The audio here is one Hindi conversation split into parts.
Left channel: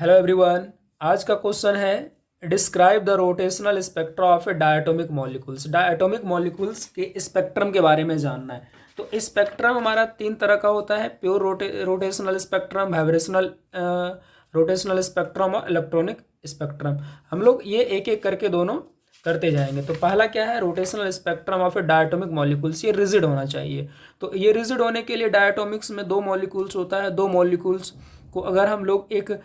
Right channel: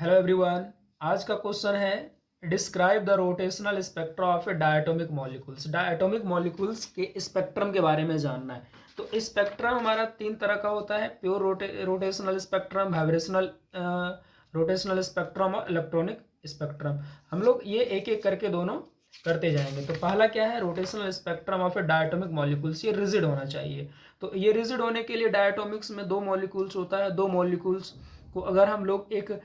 Hello everyone. आज का क्वेश्चन है describe the rotational spectra of A diatomic molecules. Diatomic molecules के स्पेक्ट्रम के बारे में जानना है। तो स्पेक्ट्रम हमारा तीन तरह का होता है, pure rotational spectrum, vibrational rotational spectrum और इलेक्ट्रॉनिक स्पेक्ट्रम। हम लोग ये एक एक करके दोनों करते जाएंगे। तो पहला क्या है, rotational spectrum of A diatomic molecules. ये रिजिड होना चाहिए। तो ये रिजिड होने के लिए डायटोमिक्स में दो मॉलिक्यूल्स होता है। दो मॉलिक्यूल्स को अगर हम लोग एक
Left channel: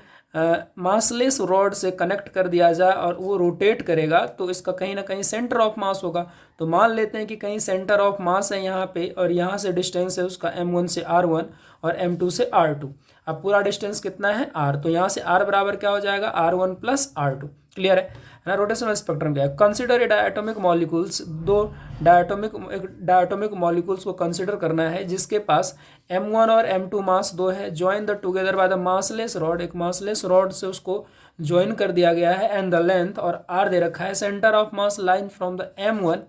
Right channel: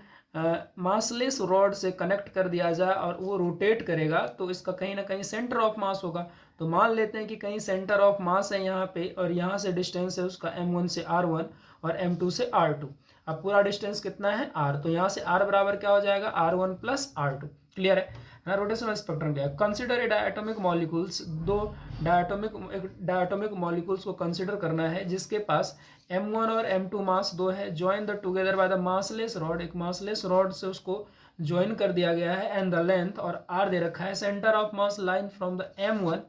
मासलेस रॉड से कनेक्ट कर दिया जाए और वो रोटेट करेगा तो इसका कहीं ना कहीं सेंटर ऑफ मास होगा। तो मान लेते हैं कि कहीं सेंटर ऑफ मास है यहाँ पे, और यहाँ से डिस्टेंस है उसका m1 से r1 और m2 से r2। अब पूरा डिस्टेंस कितना है r, तो यहाँ से r बराबर क्या हो जाएगा, r1 प्लस r2। क्लियर है ना। रोटेशनल स्पेक्ट्रम क्या है, कंसिडर ए डायटोमिक मॉलिक्यूल्स। दो डायटोमिक मॉलिक्यूल्स को कंसिडर करना है जिसके पास m1 और m2 मास दो है। Join the together by the massless rod. एक मासलेस रॉड से उसको ज्वाइन कर दिया गया है। एंड द लेंथ और r दे रखा है। Centre of mass line from the m1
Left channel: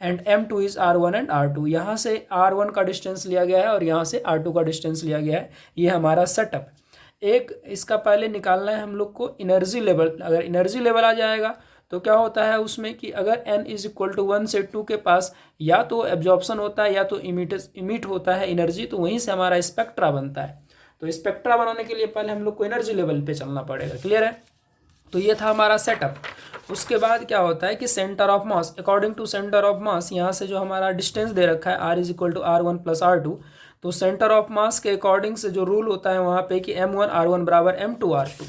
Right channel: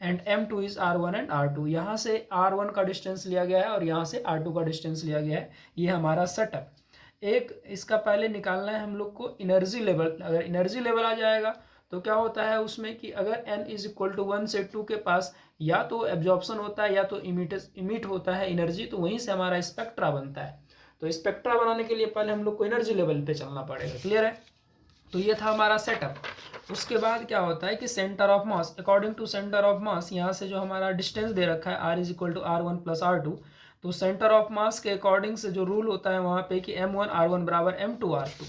and m2 is r1 and r2। यहाँ से r1 का डिस्टेंस लिया गया है और यहाँ से r2 का डिस्टेंस लिया गया है। ये हमारा सेटअप। एक इसका पहले निकालना है हम लोग को एनर्जी लेवल। अगर एनर्जी लेवल आ जाएगा तो क्या होता है उसमें कि अगर n इज इक्वल टू 1 से 2 के पास या तो एब्जॉर्प्शन होता है या तो इमिट होता है एनर्जी, तो वहीं से हमारा स्पेक्ट्रा बनता है। तो स्पेक्ट्रा बनाने के लिए पहले हम लोग को एनर्जी लेवल पे चलना पड़ेगा। क्लियर है। तो ये था हमारा सेटअप। उसके बाद क्या होता है कि centre of mass, according to centre of mass, यहाँ से जो हमारा डिस्टेंस दे रखा है r is equal to r1 plus r2, तो सेंटर ऑफ मास के अकॉर्डिंग से जो रूल होता है वहाँ पे कि m1 r1 बराबर m2 r2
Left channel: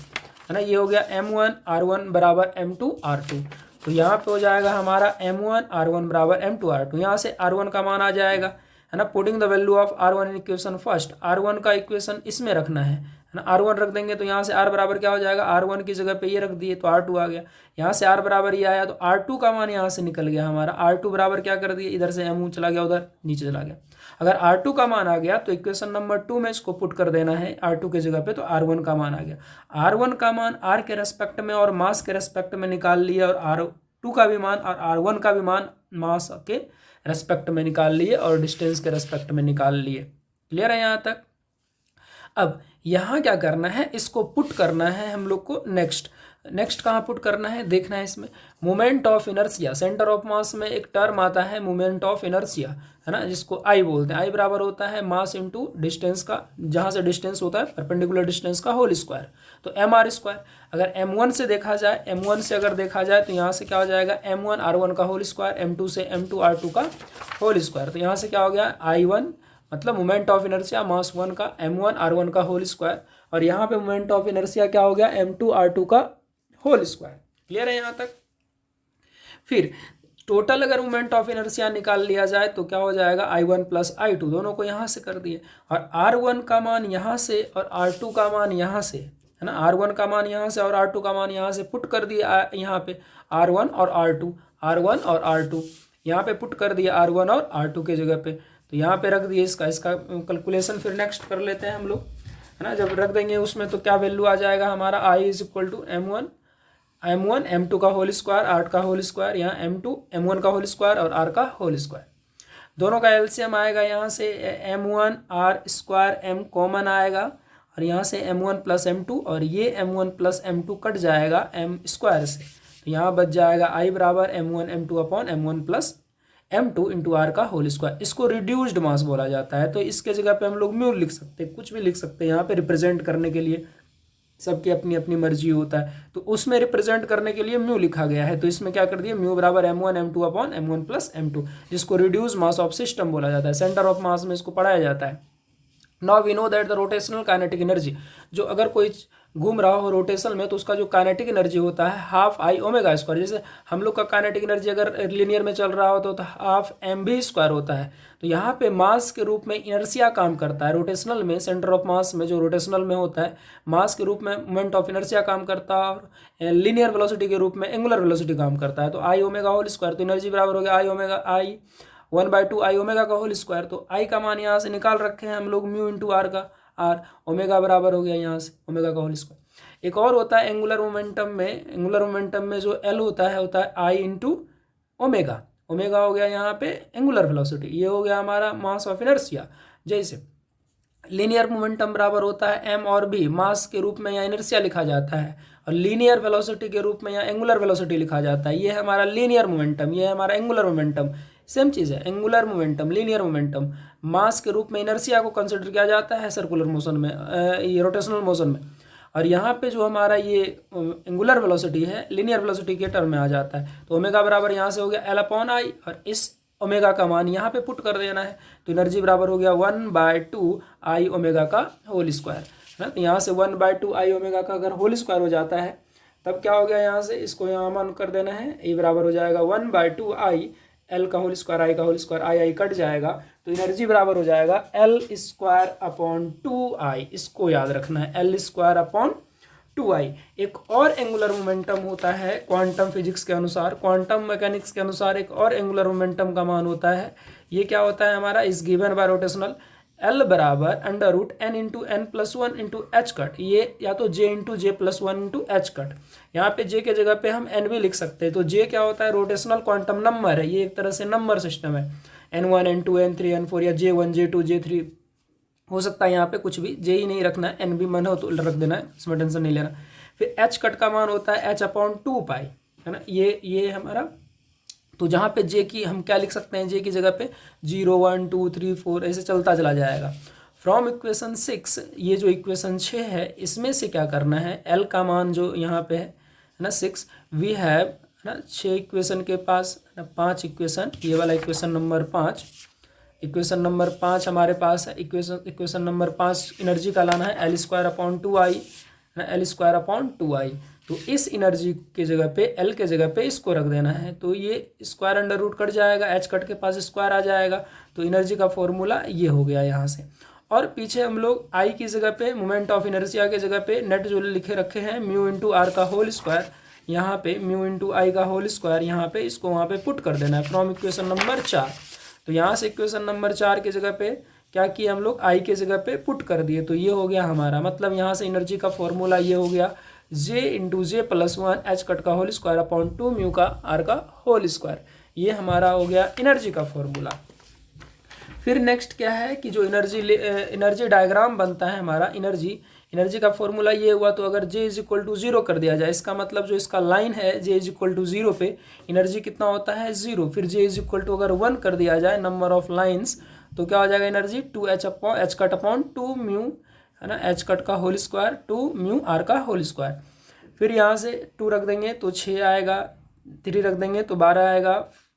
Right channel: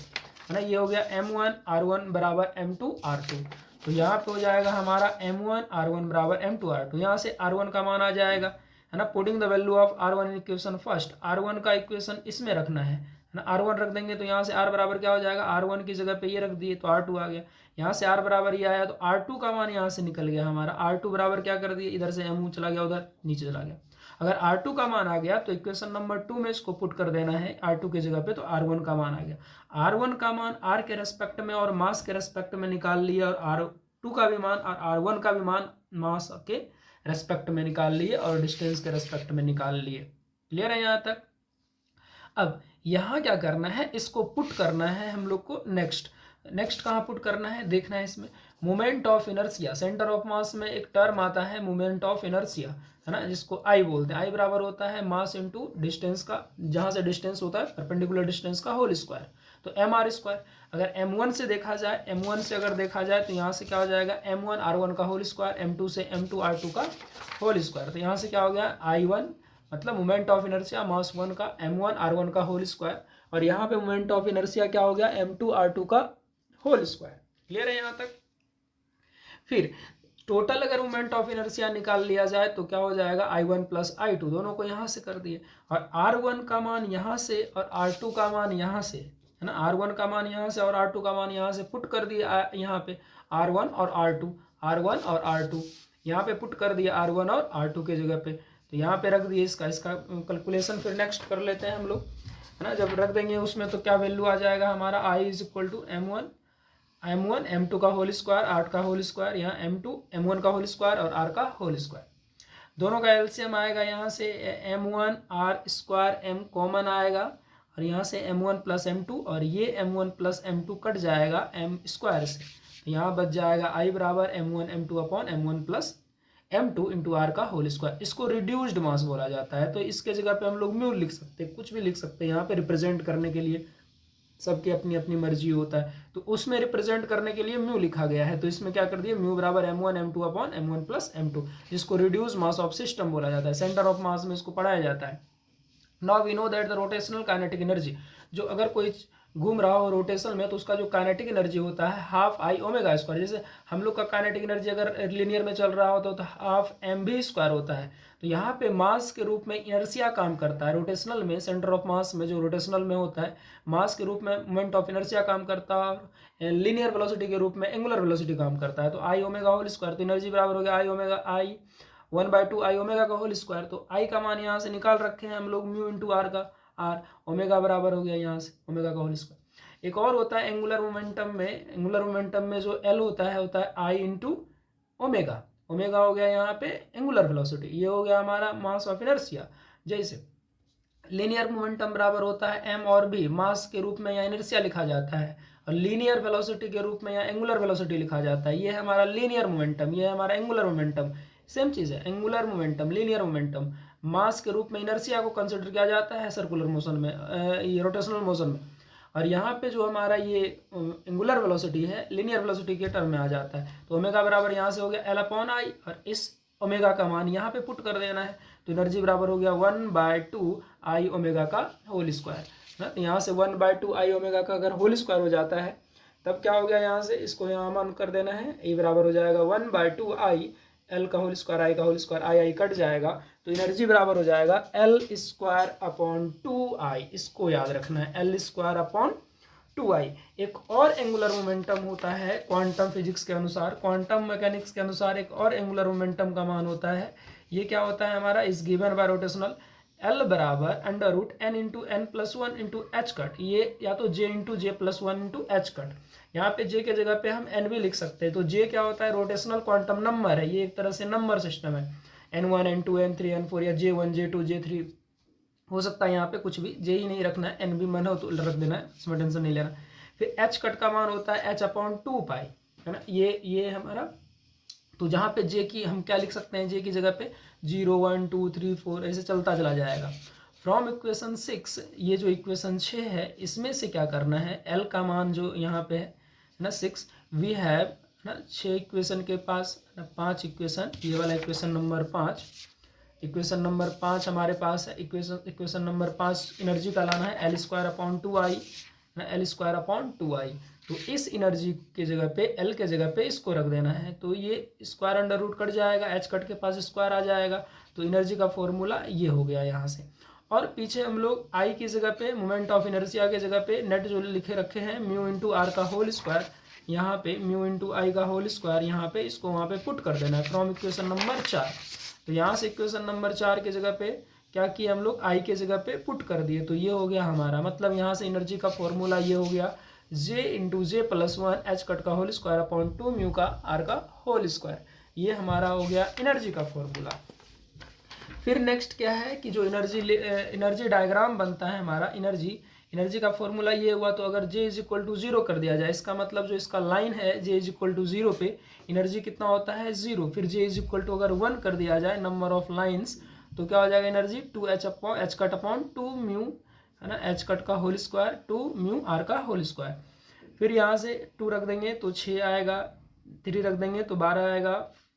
है ना। ये हो गया m1 r1 बराबर m2 r2। तो यहाँ पे हो जाएगा हमारा m1 r1 बराबर m2 r2। यहाँ से r1 का मान आ जाएगा है ना। Putting the value of r1 in equation first. r1 का इक्वेशन इसमें रखना है ना। r1 रख देंगे तो यहाँ से r बराबर क्या हो जाएगा, r1 की जगह पे ये रख दिए तो r2 आ गया। यहाँ से r बराबर ये आया तो r2 का मान यहाँ से निकल गया हमारा। r2 बराबर क्या कर दिए, इधर से m चला गया, उधर नीचे चला गया। अगर r2 का मान आ गया तो इक्वेशन नंबर 2 में इसको पुट कर देना है r2 की जगह पे, तो r1 का मान आ गया। r1 का मान r के रेस्पेक्ट में और मास के रेस्पेक्ट में निकाल लिया, और r2 का भी मान और r1 का भी मान मास के रेस्पेक्ट में निकाल लिए और डिस्टेंस के रेस्पेक्ट में निकाल लिए। क्लियर है यहाँ तक। अब यहाँ क्या करना है, इसको पुट करना है हम लोग को नेक्स्ट कहाँ पुट करना है देखना है। इसमें moment of inertia, centre of मास में एक टर्म आता है मोमेंट ऑफ इनर्शिया है ना, जिसको आई बोलते हैं। आई बराबर होता है मास इंटू डिस्टेंस का, जहाँ से डिस्टेंस होता है परपेंडिकुलर डिस्टेंस का होल स्क्वायर, तो mr स्क्वायर। अगर m1 से देखा जाए, m1 से अगर देखा जाए तो यहाँ से क्या हो जाएगा, m1 r1 का होल स्क्वायर, m2 से m2 r2 का होल स्क्वायर। तो यहाँ से क्या हो गया, I1 मतलब मोमेंट ऑफ इनर्शिया मास 1 का m1 r1 का होल स्क्वायर, और यहाँ पे मोमेंट ऑफ इनर्शिया क्या हो गया, m2 r2 का होल स्क्वायर। क्लियर है यहाँ तक। फिर टोटल अगर मोमेंट ऑफ इनर्शिया निकाल लिया जाए तो क्या हो जाएगा, I1 प्लस I2, दोनों को यहाँ से कर दिए, और R1 का मान यहाँ से और R2 का मान यहाँ से है ना। R1 का मान यहाँ से और R2 का मान यहाँ से पुट कर दिया यहाँ पे, R1 और R2, R1 और R2 यहाँ पे पुट कर दिया R1 और R2 के जगह पे। तो यहाँ पे रख दिए इसका कैलकुलेशन फिर नेक्स्ट कर लेते हैं हम लोग है ना। जब रख देंगे उसमें तो क्या वैल्यू आ जाएगा हमारा, I is equal to m1 m2 का होल स्क्वायर, r का होल स्क्वायर, यहाँ m2 m1 का होल स्क्वायर और r का होल स्क्वायर। दोनों का एलसीएम आएगा, यहाँ से m1 r square m common आएगा, और यहाँ से m1 प्लस m2, और ये m1 प्लस m2 कट जाएगा m स्क्वायर से, तो यहाँ बच जाएगा I बराबर m1 m2 upon m1 plus m2 into R का होल स्क्वायर। इसको रिड्यूस्ड मास बोला जाता है। तो इसके जगह पे हम लोग म्यू लिख सकते हैं, कुछ भी लिख सकते हैं यहाँ पे रिप्रेजेंट करने के लिए, सबकी अपनी अपनी मर्जी होता है। तो उसमें रिप्रेजेंट करने के लिए म्यू लिखा गया है, तो इसमें क्या कर दिया, म्यू बराबर m1 m2 upon m1 plus m2, जिसको रिड्यूस मास ऑफ सिस्टम बोला जाता है। सेंटर ऑफ मास में इसको पढ़ाया जाता है। Now we know that the rotational kinetic energy, जो अगर कोई घूम रहा हो रोटेशन में तो उसका जो काइनेटिक एनर्जी होता है हाफ आई ओमेगा स्क्वायर। जैसे हम लोग का काइनेटिक एनर्जी अगर लिनियर में चल रहा हो तो हाफ एम भी स्क्वायर होता है। तो यहाँ पे मास के रूप में इनर्शिया काम करता है रोटेशनल में, सेंटर ऑफ मास में जो रोटेशनल में होता है मास के रूप में मोमेंट ऑफ इनर्शिया काम करता है, और लिनियर वेलोसिटी के रूप में एंगुलर वेलोसिटी काम करता है। तो आई ओमेगा होल स्क्वायर, तो एनर्जी बराबर हो गया आई ओमेगा आई 1/2 आई ओमेगा का होल स्क्वायर। तो आई का मान यहाँ से निकाल रखे हैं हम लोग, म्यू इंटू आर का, आर ओमेगा बराबर हो गया यहाँ से ओमेगा का होल स्क्वायर। एक और होता है एंगुलर मोमेंटम में जो एल होता है आई इंटू ओमेगा। ओमेगा हो गया यहाँ पे एंगुलर वेलोसिटी, ये हो गया हमारा मास ऑफ इनर्शिया। जैसे लीनियर मोमेंटम बराबर होता है एम और बी, मास के रूप में या इनर्शिया लिखा जाता है, और लीनियर वेलोसिटी के रूप में या एंगुलर वेलोसिटी लिखा जाता है। ये है हमारा लीनियर मोमेंटम, ये है हमारा एंगुलर मोमेंटम। सेम चीज़ है, एंगुलर मोमेंटम, लीनियर मोमेंटम। मास के रूप में इनर्शिया को कंसिडर किया जाता है सर्कुलर मोशन में, ये रोटेशनल मोशन में। और यहाँ पे जो हमारा ये एंगुलर वेलोसिटी है, लीनियर वेलोसिटी के टर्म में आ जाता है। तो ओमेगा बराबर यहाँ से हो गया एल अपॉन आई, और इस ओमेगा का मान यहाँ पे पुट कर देना है। तो एनर्जी बराबर हो गया 1/2 आई ओमेगा का होल स्क्वायर, है ना। तो यहाँ से 1/2 आई ओमेगा का अगर होल स्क्वायर हो जाता है तब क्या हो गया, यहाँ से इसको यहाँ मान कर देना है, ये बराबर हो जाएगा 1/2 आई एल का होल स्क्वायर, आई का होल स्क्वायर, आई कट जाएगा। तो एनर्जी बराबर हो जाएगा एल स्क्वायर अपॉन 2 आई, इसको याद रखना है, एल स्क्वायर अपॉन 2 आई। एक और एंगुलर मोमेंटम होता है क्वांटम फिजिक्स के अनुसार, क्वांटम मैकेनिक्स के अनुसार एक और एंगुलर मोमेंटम का मान होता है। ये क्या होता है हमारा, इस गिवन बाय रोटेशनल एल बराबर under root N into N plus one into H cut, ये या तो J into J plus one into H cut. यहाँ पे जे के जगह पे हम एन भी लिख सकते हैं। तो जे क्या होता है, रोटेशनल क्वांटम नंबर है, ये एक तरह से नंबर सिस्टम है, n1 n2 n3 n4 या J1 J2 J3 हो सकता है। यहाँ पे कुछ भी जे ही नहीं रखना है, एन भी मन हो तो रख देना है, इसमें टेंशन नहीं लेना। फिर एच कट का मान होता है h/2 पाई, है ना। ये हमारा, तो जहाँ पे जे की हम क्या लिख सकते हैं, जे की जगह पे 0 1 2 3 4 ऐसे चलता चला जाएगा। फ्रॉम इक्वेशन 6, ये जो इक्वेशन 6 है इसमें से क्या करना है, एल का मान जो यहाँ पे है ना 6, वी हैव, है ना 6 इक्वेशन के पास ना 5 इक्वेशन, ये वाला इक्वेशन नंबर 5, इक्वेशन नंबर 5 हमारे पास है। इक्वेशन नंबर 5 एनर्जी का लाना है एल स्क्वायर अपॉन 2 आई, ना एल स्क्वायर अपॉन 2 आई। तो इस एनर्जी के जगह पे, एल के जगह पे इसको रख देना है। तो ये स्क्वायर अंडर रूट कट जाएगा, एच कट के पास स्क्वायर आ जाएगा। तो एनर्जी का फॉर्मूला ये हो गया यहाँ से। और पीछे हम लोग आई की जगह पे, मोमेंट ऑफ इनर्शिया के जगह पे नेट जो लिखे रखे हैं म्यू इंटू आर का होल स्क्वायर, यहाँ पे म्यू इंटू आई का होल स्क्वायर, यहाँ पे इसको वहाँ पे पुट कर देना है फ्रॉम इक्वेशन नंबर 4। तो यहाँ से इक्वेशन नंबर 4 के जगह पे क्या किया हम लोग, आई के जगह पे पुट कर दिए। तो ये हो गया हमारा, मतलब यहाँ से एनर्जी का फॉर्मूला ये हो गया जे into J plus one H cut का होल स्क्वायर अपॉन 2 म्यू का आर का होल स्क्वायर। ये हमारा हो गया एनर्जी का फॉर्मूला। फिर नेक्स्ट क्या है कि जो एनर्जी डायग्राम बनता है हमारा, एनर्जी का फॉर्मूला ये हुआ। तो अगर J इज इक्वल टू 0 कर दिया जाए, इसका मतलब जो इसका लाइन है J इज इक्वल टू 0 पे एनर्जी कितना होता है 0। फिर J इज इक्वल टू अगर 1 कर दिया जाए नंबर ऑफ लाइन्स, तो क्या हो जाएगा energy 2h upon H cut upon 2 mu, है ना, एच कट का होल स्क्वायर 2 म्यू आर का होल स्क्वायर। फिर यहाँ से 2 रख देंगे तो 6 आएगा, 3 रख देंगे तो 12 आएगा,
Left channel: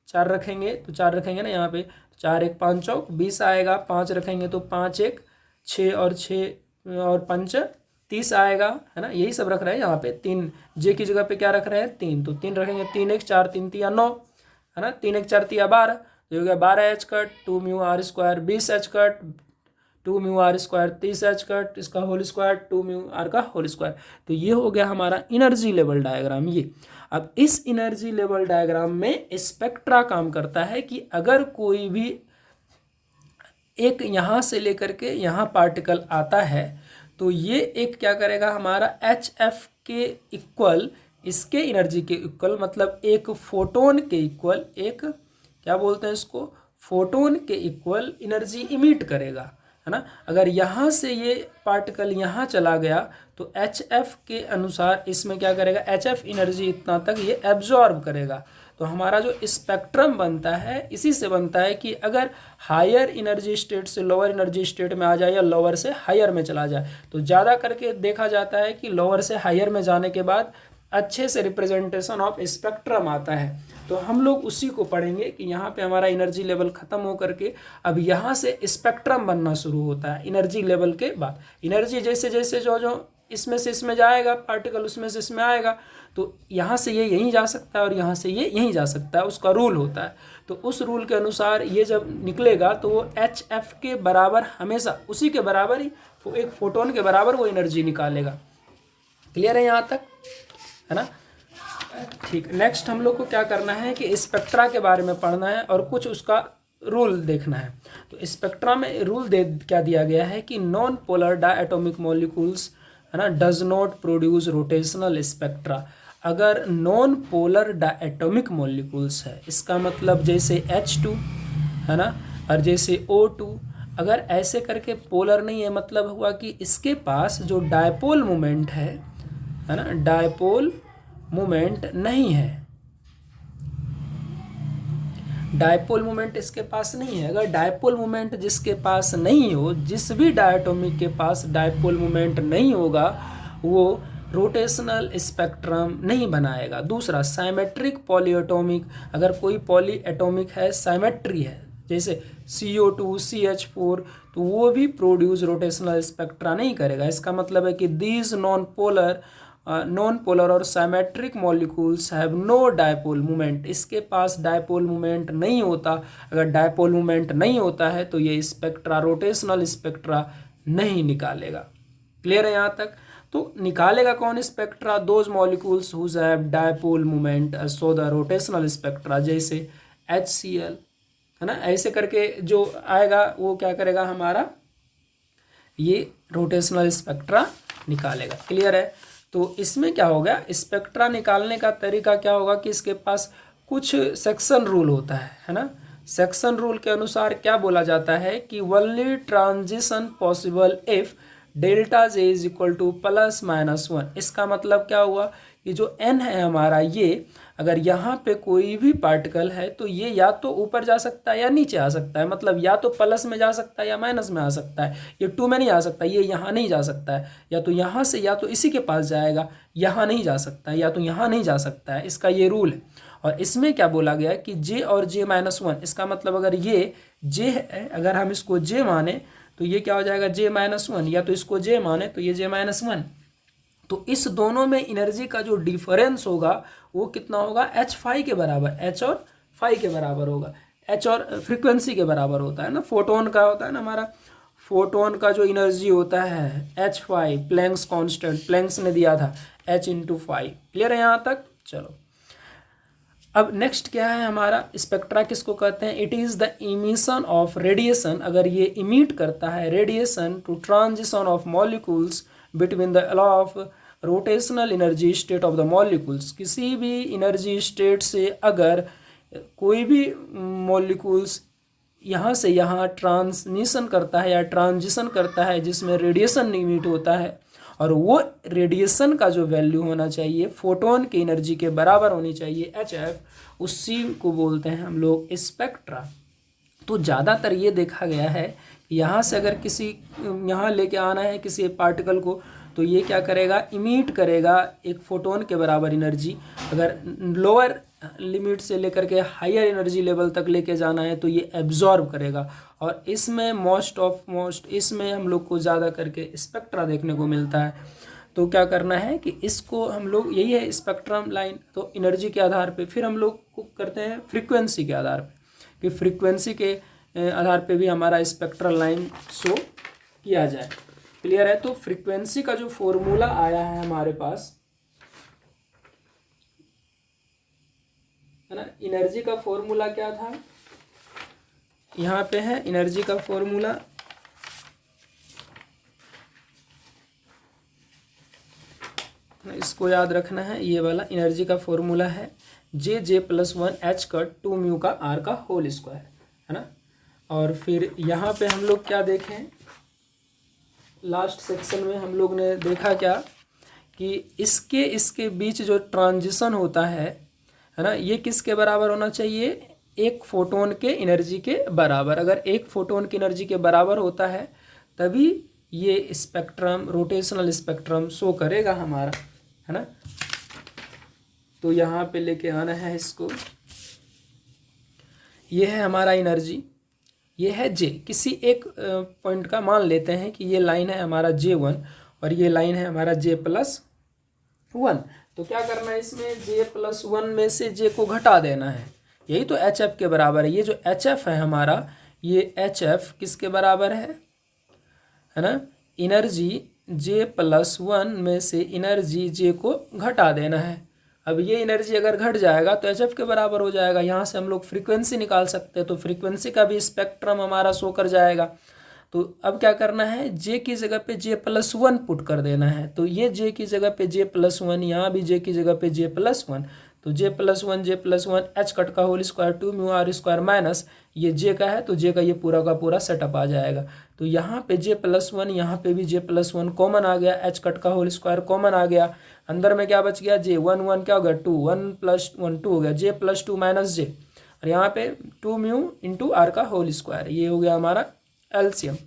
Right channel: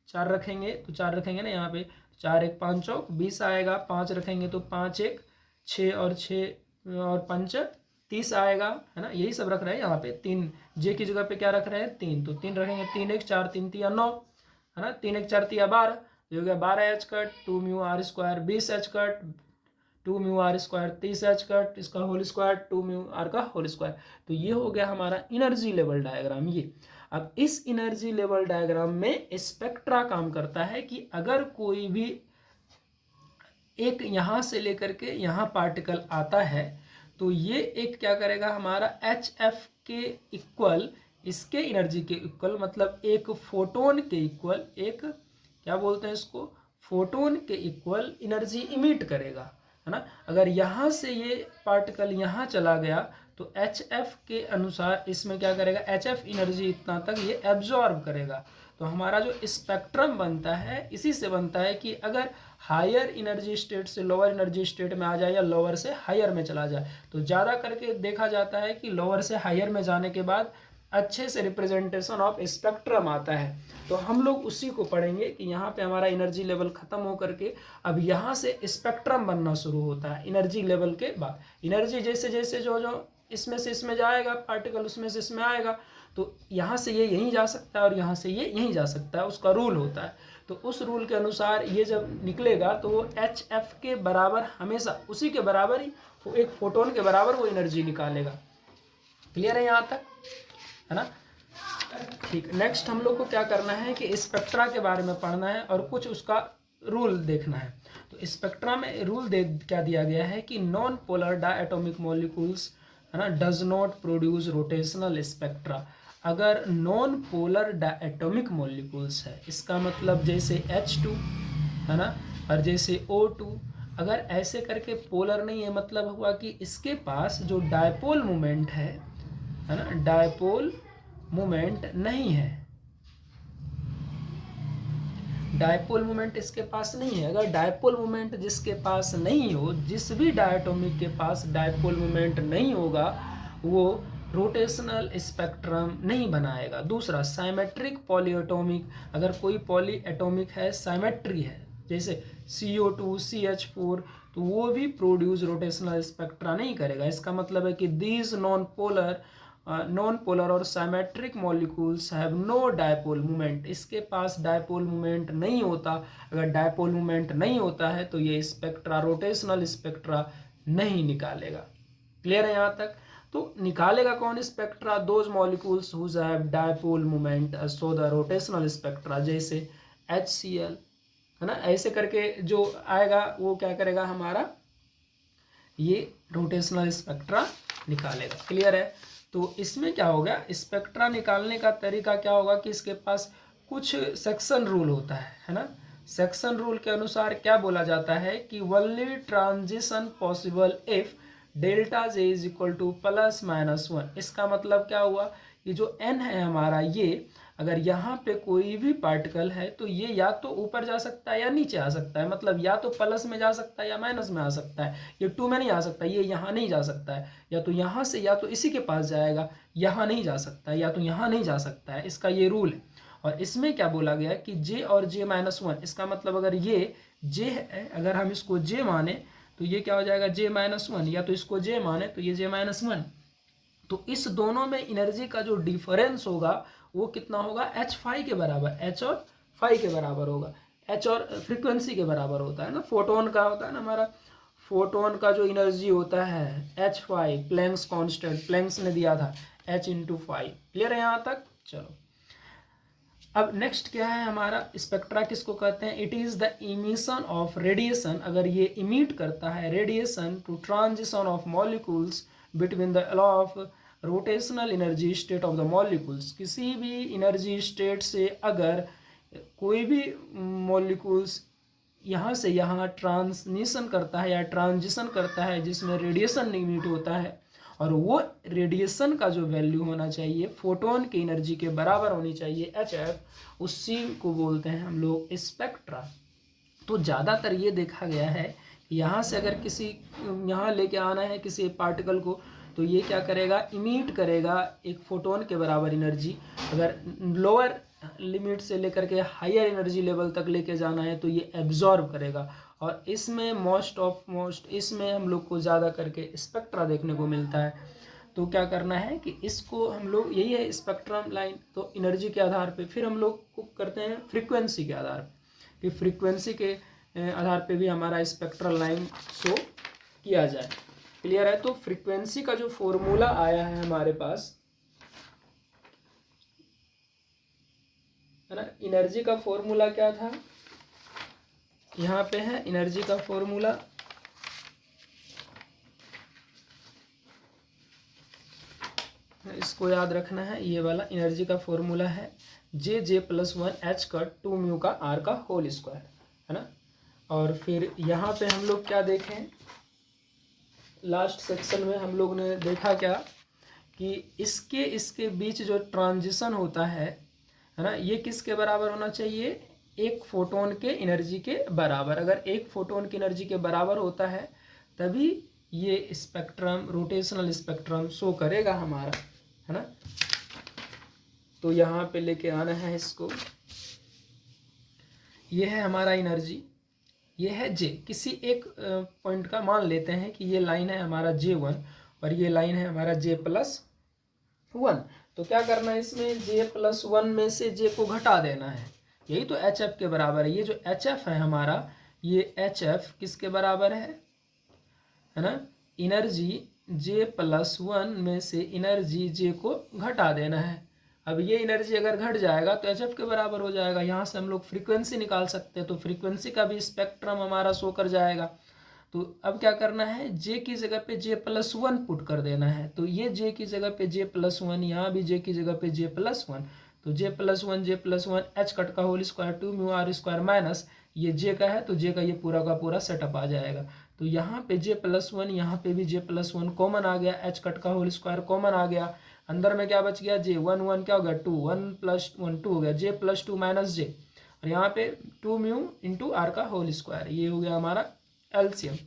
4 रखेंगे तो 4 रखेंगे ना यहाँ पे, 4 1 5 चौक 20 आएगा, 5 रखेंगे तो 5 1 6 और 6 और 5 30 आएगा, है ना। यही सब रख रहे हैं यहाँ पे। 3 जे की जगह पे क्या रख रहे हैं 3, तो 3 रखेंगे, 3 1 4 3 3 9, है ना, 3 1 4 3 12, तो हो गया 12 H cut 2 mu are square 20 H cut 2 mu are square 30 H cut, इसका होल स्क्वायर 2 म्यू आर का होल स्क्वायर। तो ये हो गया हमारा एनर्जी लेवल डायग्राम। ये अब इस एनर्जी लेवल डायग्राम में स्पेक्ट्रा काम करता है कि अगर कोई भी एक यहाँ से लेकर के यहाँ पार्टिकल आता है तो ये एक क्या करेगा हमारा एच एफ के इक्वल, इसके एनर्जी के इक्वल, मतलब एक फोटोन के इक्वल, एक क्या बोलते हैं इसको, फोटोन के इक्वल एनर्जी इमिट करेगा, है ना। अगर यहाँ से ये पार्टिकल यहाँ चला गया तो एच एफ के अनुसार इसमें क्या करेगा, एच एफ एनर्जी इतना तक ये एब्जॉर्ब करेगा। तो हमारा जो स्पेक्ट्रम बनता है इसी से बनता है कि अगर हायर एनर्जी स्टेट से लोअर एनर्जी स्टेट में आ जाए या लोअर से हायर में चला जाए, तो ज़्यादा करके देखा जाता है कि लोअर से हायर में जाने के बाद अच्छे से रिप्रेजेंटेशन ऑफ स्पेक्ट्रम आता है। तो हम लोग उसी को पढ़ेंगे कि यहाँ पे हमारा एनर्जी लेवल ख़त्म हो करके अब यहाँ से स्पेक्ट्रम बनना शुरू होता है एनर्जी लेवल के बाद। एनर्जी जैसे जैसे जो इसमें से इसमें जाएगा पार्टिकल, उसमें से इसमें आएगा, तो यहाँ से ये यहीं जा सकता है और यहाँ से ये यहीं जा सकता है, उसका रूल होता है। तो उस रूल के अनुसार ये जब निकलेगा तो वो एच एफ के बराबर, हमेशा उसी के बराबर ही, एक फोटोन के बराबर वो एनर्जी निकालेगा। क्लियर है यहाँ तक, है ना। ठीक, नेक्स्ट हम लोग को क्या करना है कि स्पेक्ट्रा के बारे में पढ़ना है और कुछ उसका रूल देखना है। तो स्पेक्ट्रा में रूल क्या दिया गया है कि नॉन पोलर डायटोमिक मॉलिक्यूल्स, है ना, does not produce rotational spectra. अगर नॉन पोलर डायटोमिक मॉलिक्यूल्स है, इसका मतलब जैसे H2, है ना, और जैसे O2 अगर ऐसे करके पोलर नहीं है, मतलब हुआ कि इसके पास जो डायपोल मोमेंट है ना, डायपोल मोमेंट नहीं है, डायपोल मोमेंट इसके पास नहीं है। अगर डायपोल मोमेंट जिसके पास नहीं हो, जिस भी डायटोमिक के पास डायपोल मोमेंट नहीं होगा, वो रोटेशनल स्पेक्ट्रम नहीं बनाएगा। दूसरा, साइमेट्रिक पॉलीएटॉमिक, अगर कोई पॉलीएटॉमिक है, साइमेट्री है, जैसे CO2 CH4, तो वो भी प्रोड्यूस रोटेशनल स्पेक्ट्रा नहीं करेगा। इसका मतलब है कि दीज नॉन पोलर और symmetric molecules have no dipole moment, इसके पास डायपोल मोमेंट नहीं होता। अगर डायपोल मोमेंट नहीं होता है तो ये स्पेक्ट्रा, रोटेशनल स्पेक्ट्रा नहीं निकालेगा। क्लियर है यहाँ तक? तो निकालेगा कौन spectra? Those molecules whose have dipole moment so the rotational spectra, जैसे HCl, है ना, ऐसे करके जो आएगा वो क्या करेगा हमारा, ये रोटेशनल स्पेक्ट्रा निकालेगा। क्लियर है? तो इसमें क्या होगा, स्पेक्ट्रा निकालने का तरीका क्या होगा कि इसके पास कुछ सेक्शन रूल होता है ना। सेक्शन रूल के अनुसार क्या बोला जाता है कि only transition possible if delta J is equal to +-1। इसका मतलब क्या हुआ, ये जो n है हमारा, ये अगर यहाँ पे कोई भी पार्टिकल है तो ये या तो ऊपर जा सकता है या नीचे आ सकता है, मतलब या तो प्लस में जा सकता है या माइनस में आ सकता है। ये 2 में नहीं आ सकता, ये यहाँ नहीं जा सकता है, या तो यहाँ से या तो इसी के पास जाएगा, यहाँ नहीं जा सकता है, या तो यहाँ नहीं जा सकता है। इसका ये रूल है। और इसमें क्या बोला गया कि J और J-1, इसका मतलब अगर ये J है, अगर हम इसको J माने तो ये क्या हो जाएगा J-1, या तो इसको J माने तो ये J-1। तो इस दोनों में एनर्जी का जो डिफरेंस होगा वो कितना होगा, H के बराबर, H और फाई के बराबर होगा। H और फ्रीक्वेंसी के बराबर होता है ना। फोटोन का होता है ना, हमारा फोटोन का जो एनर्जी होता है H, प्लैंक्स कांस्टेंट, प्लैंक्स ने दिया था H/5। क्लियर है यहाँ तक? चलो, अब नेक्स्ट क्या है हमारा, स्पेक्ट्रा किसको कहते हैं? It is the emission of radiation, अगर ये इमिट करता है radiation to transition of molecules between the law of rotational energy state of the molecules, किसी भी एनर्जी स्टेट से अगर कोई भी मॉलिक्यूल्स यहाँ से यहाँ ट्रांसमिशन करता है या ट्रांजिशन करता है जिसमें रेडिएशन इमिट होता है, और वो रेडिएशन का जो वैल्यू होना चाहिए फोटोन की एनर्जी के बराबर होनी चाहिए HF, उसी को बोलते हैं हम लोग स्पेक्ट्रा। तो ज़्यादातर ये देखा गया है, यहाँ से अगर किसी यहाँ लेके आना है किसी पार्टिकल को, तो ये क्या करेगा, इमिट करेगा एक फोटोन के बराबर एनर्जी। अगर लोअर लिमिट से लेकर के हायर एनर्जी लेवल तक लेके जाना है तो ये एब्जॉर्ब करेगा। और इसमें मोस्ट इसमें हम लोग को ज़्यादा करके स्पेक्ट्रा देखने को मिलता है। तो क्या करना है कि इसको हम लोग, यही है स्पेक्ट्रम लाइन, तो एनर्जी के आधार पे फिर हम लोग को करते हैं फ्रीक्वेंसी के आधार पे, कि फ्रीक्वेंसी के आधार पे भी हमारा स्पेक्ट्रल लाइन शो किया जाए। क्लियर है? तो फ्रीक्वेंसी का जो फॉर्मूला आया है हमारे पास, है ना, एनर्जी का फॉर्मूला क्या था, यहाँ पे है एनर्जी का फॉर्मूला, इसको याद रखना है। ये वाला एनर्जी का फॉर्मूला है J+1 H का 2 म्यू का R का होल स्क्वायर, है ना। और फिर यहाँ पे हम लोग क्या देखें, लास्ट सेक्शन में हम लोग ने देखा क्या कि इसके बीच जो ट्रांजिशन होता है ना, ये किसके बराबर होना चाहिए, एक फोटोन के एनर्जी के बराबर। अगर एक फोटोन की एनर्जी के बराबर होता है तभी ये स्पेक्ट्रम, रोटेशनल स्पेक्ट्रम शो करेगा हमारा, है ना। तो यहाँ पे लेके आना है इसको, ये है हमारा एनर्जी, ये है J। किसी एक पॉइंट का मान लेते हैं कि ये लाइन है हमारा J1 और ये लाइन है हमारा J+1। तो क्या करना है, इसमें J+1 में से J को घटा देना है, यही तो HF के बराबर है। ये जो HF है हमारा, ये HF किसके बराबर है ना, एनर्जी J+1 में से एनर्जी J को घटा देना है। अब ये एनर्जी अगर घट जाएगा तो HF के बराबर हो जाएगा। यहाँ से हम लोग फ्रीक्वेंसी निकाल सकते हैं, तो फ्रीक्वेंसी का भी स्पेक्ट्रम हमारा शो कर जाएगा। तो अब क्या करना है, J की जगह पे J+1 पुट कर देना है। तो ये J की जगह पे J+1, यहाँ भी J की जगह पे J+1, तो J+1 H कट का whole square 2 mu are square minus ये J का है तो J का ये पूरा का पूरा सेटअप आ जाएगा। तो यहाँ पे J+1, यहाँ पे भी J+1 कॉमन आ गया, H कट का होल स्क्वायर कॉमन आ गया, अंदर में क्या बच गया J, 1 क्या हो गया 2, 1+1 2 हो गया, J+2 माइनस J, और यहाँ पे 2 म्यू इंटू आर का होल स्क्वायर, ये हो गया हमारा एलसीएम।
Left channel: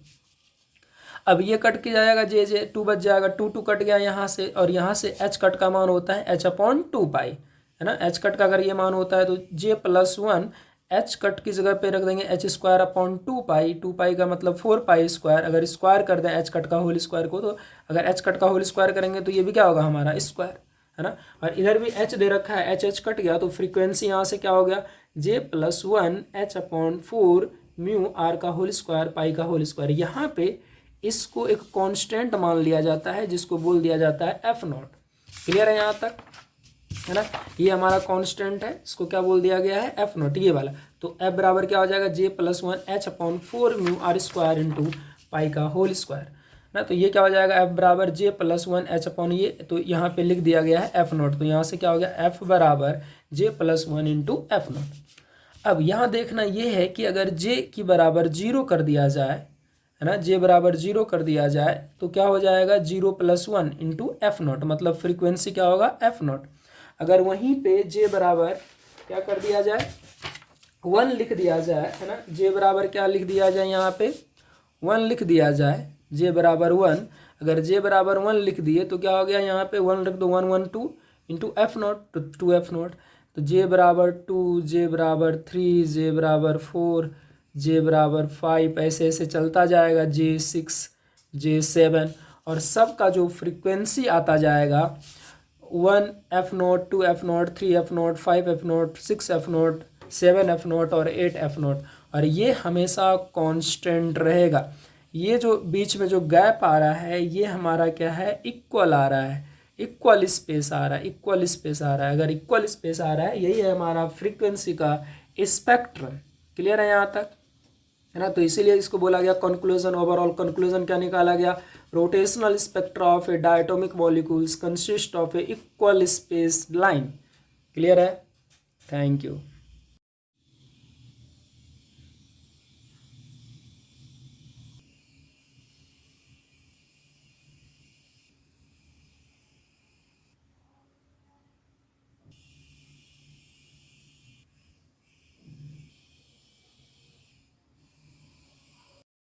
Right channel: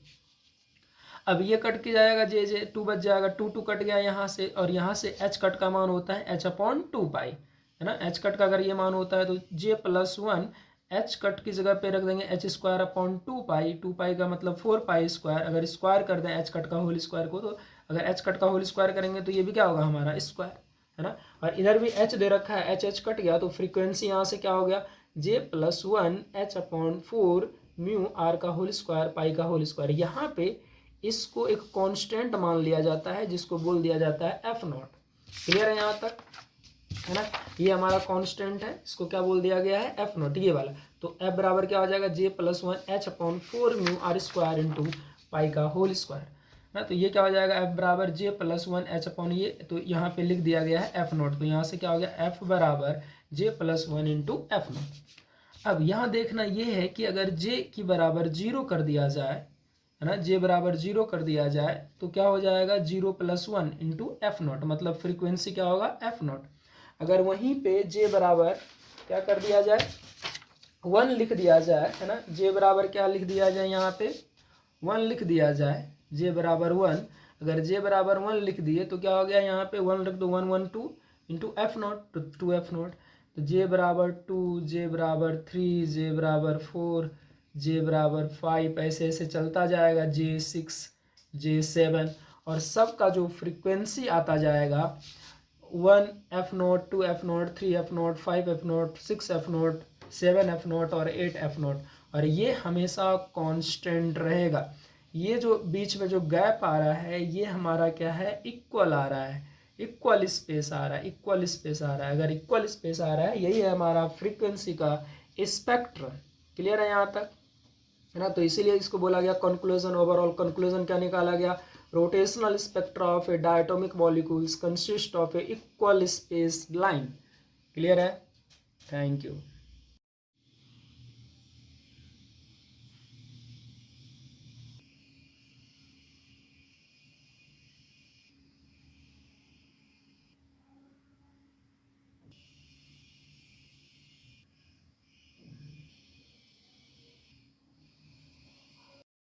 अब ये कट के जाएगा J 2 बच जाएगा, 2 कट गया यहाँ से, और यहाँ से H कट का मान होता है H/2 पाई, है ना। H कट का अगर ये मान होता है तो J+1 H कट की जगह पे रख देंगे H²/2 पाई, 2 पाई का मतलब 4 पाई स्क्वायर, अगर स्क्वायर कर दें H कट का होल स्क्वायर को, तो अगर H कट का होल स्क्वायर करेंगे तो ये भी क्या होगा हमारा स्क्वायर, है ना। और इधर भी H दे रखा है, H कट गया तो फ्रीक्वेंसी यहाँ से क्या हो गया J+1 H/4 म्यू आर का होल स्क्वायर पाई का होल स्क्वायर। यहाँ पे इसको एक कांस्टेंट मान लिया जाता है जिसको बोल दिया जाता है F नॉट। क्लियर है यहाँ तक, है ना। ये हमारा कांस्टेंट है, इसको क्या बोल दिया गया है F नॉट, ये वाला। तो F बराबर क्या हो जाएगा J+1 H/4 mu are square into pi का होल स्क्वायर, ना। तो ये क्या हो जाएगा F बराबर J+1 H/ ये, तो यहाँ पे लिख दिया गया है F नॉट, तो यहाँ से क्या हो गया F बराबर J+1 इंटू F नॉट। अब यहाँ देखना ये है कि अगर J की बराबर 0 कर दिया जाए, है ना, J बराबर 0 कर दिया जाए तो क्या हो जाएगा 0+1 इंटू F नॉट, मतलब फ्रीक्वेंसी क्या होगा F नॉट। अगर वहीं पे J बराबर क्या कर दिया जाए 1 लिख दिया जाए, है ना, J बराबर क्या लिख दिया जाए यहाँ पे 1 लिख दिया जाए, J बराबर 1, अगर J बराबर 1 लिख दिए तो क्या हो गया यहाँ पे 1 रख दो 1 1 2 इंटू F नॉट, तो 2F नॉट। तो J बराबर 2, J बराबर 3, J बराबर 4, J बराबर 5, ऐसे ऐसे चलता जाएगा J6, J7, और सब का जो फ्रीक्वेंसी आता जाएगा 1F not, 2F not, 3F not, 5F not, 6F not, 7F not और 8F नॉट, और ये हमेशा कांस्टेंट रहेगा। ये जो बीच में जो गैप आ रहा है ये हमारा क्या है इक्वल आ रहा है, इक्वल स्पेस आ रहा है, इक्वल स्पेस आ रहा है। अगर इक्वल स्पेस आ रहा है यही है हमारा फ्रीक्वेंसी का स्पेक्ट्रम। क्लियर है यहाँ तक, है ना। तो इसीलिए इसको बोला गया कंक्लूजन। ओवरऑल कंक्लूजन क्या निकाला गया, rotational spectra of A diatomic molecules consist of A equal space line. Clear है, थैंक यू।